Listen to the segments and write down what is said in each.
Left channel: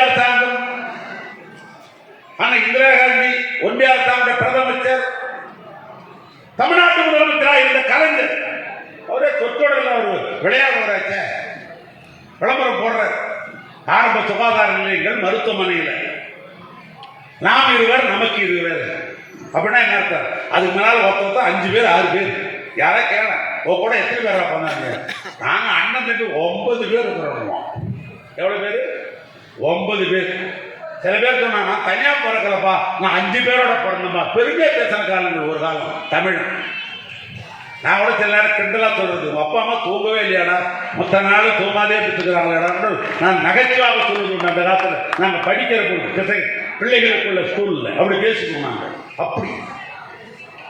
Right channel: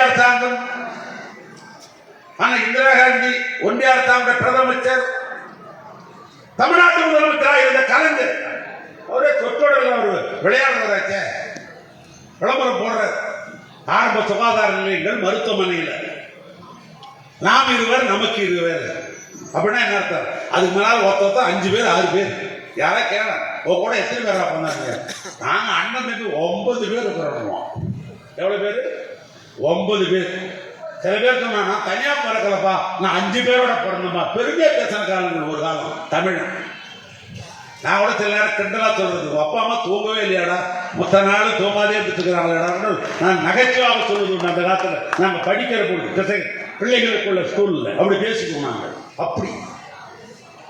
அரசாங்கம் ஆனா இந்திரா காந்தி ஒன்றிய அரசாங்க பிரதமர். தமிழ்நாட்டு முதலமைச்சராக இருந்த கலைஞர். அவரே தொற்றோடல ஒரு விளையாடுறாச்ச. விளம்பரம் போடுறார். ஆரம்ப சுகாதார நிலையங்கள் மருத்துவமனையில். நாம் இருவர் நமக்கு இருவர். அப்படின்னா என்ன அர்த்தம்? அதுக்கு முன்னால் ஒருத்தர் அஞ்சு பேர் ஆறு பேர். யாரா கேள? உன் கூட எத்தனை பேரா பண்ணாங்க நாங்க அண்ணன் தம்பி ஒன்பது பேர் இருக்கிறோம். எவ்வளவு பேர்? ஒன்பது பேர். சில பேர் சொன்னாங்க நான் தனியா பிறக்கலப்பா நான் அஞ்சு பேரோட பிறந்தப்பா பெருமையா பேசின காலங்கள் ஒரு காலம் தமிழ் நான் கூட சில நேரம் கிண்டலா சொல்றது அப்பா அம்மா தூங்கவே இல்லையாடா? மொத்த நாள் தூங்காதே எடுத்துக்கிறாங்களா நான் நகைச்சுவாக சொல்றது உண்டு அந்த காலத்துல. நாங்க படிக்கிற பொழுது பிசை- பிள்ளைகளுக்குள்ள ஸ்கூல்ல அப்படி பேசிக்குவோம் நாங்கள் அப்படி.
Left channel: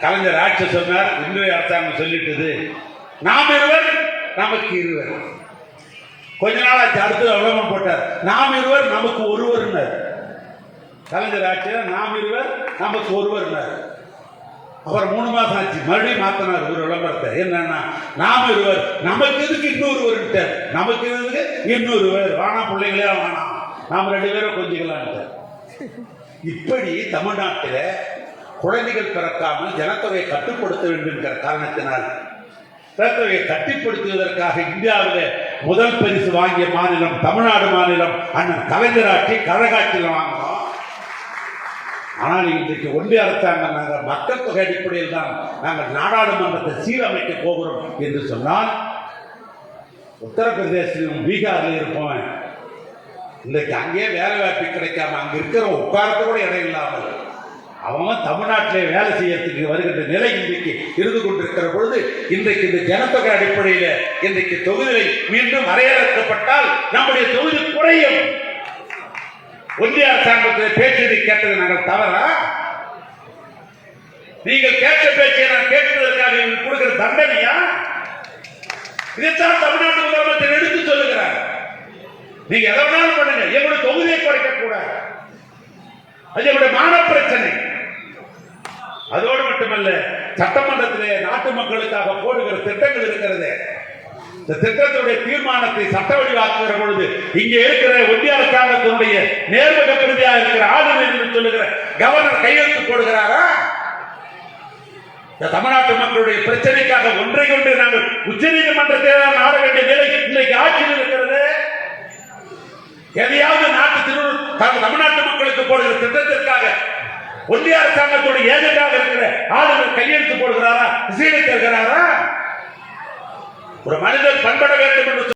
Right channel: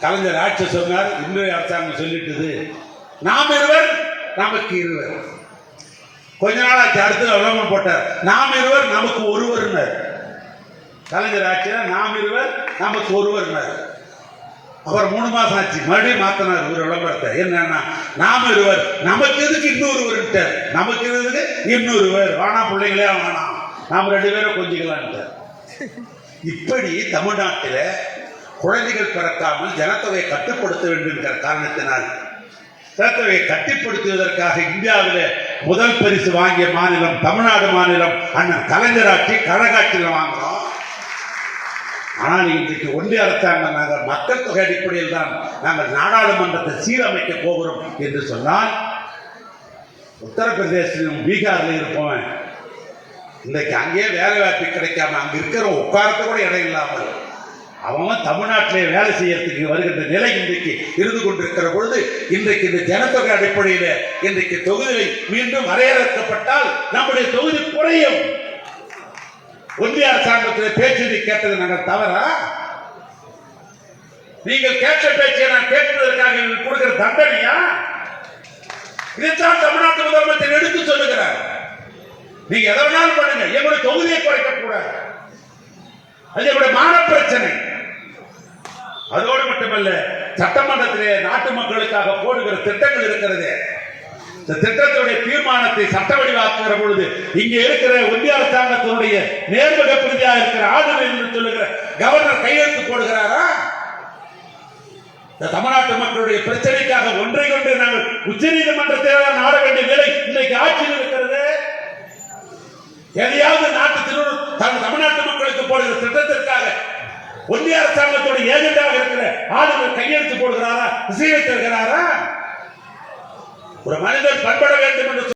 கலைஞர் ஆட்சி சொன்னார் இன்றைய அரசாங்கம் சொல்லிட்டது. நாம் இருவர் நமக்கு இருவர். கொஞ்ச நாள் ஆச்சு அடுத்தது விளம்பரம் போட்டார். நாம் இருவர் நமக்கு ஒருவர்னர். கலைஞர் ஆட்சியில் நாம் இருவர் நமக்கு ஒருவர்னர். அப்புறம் மூணு மாசம் ஆச்சு மறுபடியும் மாத்தினார் ஒரு விளம்பரத்தை என்னன்னா நாம் இருவர் நமக்கு எதுக்கு இன்னொருவர்ட்டார் நமக்கு எதுக்கு இன்னொருவர்? வானா பிள்ளைங்களே வேணாம் நாம் ரெண்டு பேரும் கொஞ்சிக்கலான்ட்டார். இப்படி தமிழ்நாட்டில் குழந்தைகள் பிறக்காமல் ஜனத்தொகையை கட்டுப்படுத்த வேண்டும் என்கிற காரணத்தினால் ஜனத்தொகையை கட்டுப்படுத்துவதற்காக இந்தியாவில் முதல் பரிசு வாங்கிய மாநிலம் தமிழ்நாடு மாநிலம் அண்ணன் கலைஞராட்சி கழகாட்சியில் வாங்கினோம் ஆனால் இன்றைக்கு ஒன்றிய அரசாங்கம் நாங்கள் மக்கள் தொகை அடிப்படையில் தான் நாங்கள் நாடாளுமன்றத்தை சீரமைக்க போகிறோம் என்று சொன்னால் உத்தரப்பிரதேசத்திலும் பீகாரில் இருப்பவன் இன்றைக்கு அங்கேயே வேலை வாய்ப்பு கிடைக்காம அங்கே இருக்கிற உட்காரத்து கூட இடம் இல்லாமல் அவன் தமிழ்நாட்டிலே வேலை செய்யறதுக்கு வருகின்ற நிலை இன்றைக்கு இருந்து கொண்டிருக்கிற பொழுது இன்றைக்கு இந்த ஜனத்தொகை அடிப்படையில் இன்றைக்கு தொகுதிகளை மீண்டும் வரையறுக்கப்பட்டால் நம்முடைய தொகுதி குறையும். ஒன்றிய அரசாங்கத்தில் பேச்சதை கேட்டது நாங்கள் தவறா? நீங்கள் கேட்ட பேச்சை நான் கேட்பதற்காக எங்களுக்கு கொடுக்கிற தண்டனையா? இதைத்தான் தமிழ்நாட்டு முதலமைச்சர் எடுத்து சொல்லுகிறார். நீங்க எதை வேணாலும் பண்ணுங்க. எங்களுடைய தொகுதியை குறைக்க கூடாது அது எங்களுடைய மான பிரச்சனை. அதோடு மட்டுமல்ல சட்டமன்றத்திலே நாட்டு மக்களுக்காக போடுகிற திட்டங்கள் இருக்கிறது. இந்த திட்டத்தினுடைய தீர்மானத்தை சட்ட வடிவாக்குகிற பொழுது இங்கே இருக்கிற ஒன்றிய அரசாங்கத்தினுடைய நேர்முக பிரதியாக இருக்கிற ஆளுநர் என்று சொல்லுகிற கவர்னர் கையெழுத்து போடுகிறாரா? இந்த தமிழ்நாட்டு மக்களுடைய பிரச்சனைக்காக ஒன்றை கொண்டு நாங்கள் உச்ச நீதிமன்றத்தை நாட வேண்டிய நிலை இன்னைக்கு ஆட்சியில் இருக்கிறது. எதையாவது நாட்டு திரு தமிழ்நாட்டு மக்களுக்கு போடுகிற திட்டத்திற்காக ஒன்றிய அரசாங்கத்தோட ஏஜெண்டாக இருக்கிற ஆளுநர் கையெழுத்து போடுகிறாரா இசைவைத்திருக்கிறாரா ஒரு மனிதர் பண்பட வேண்டும் என்று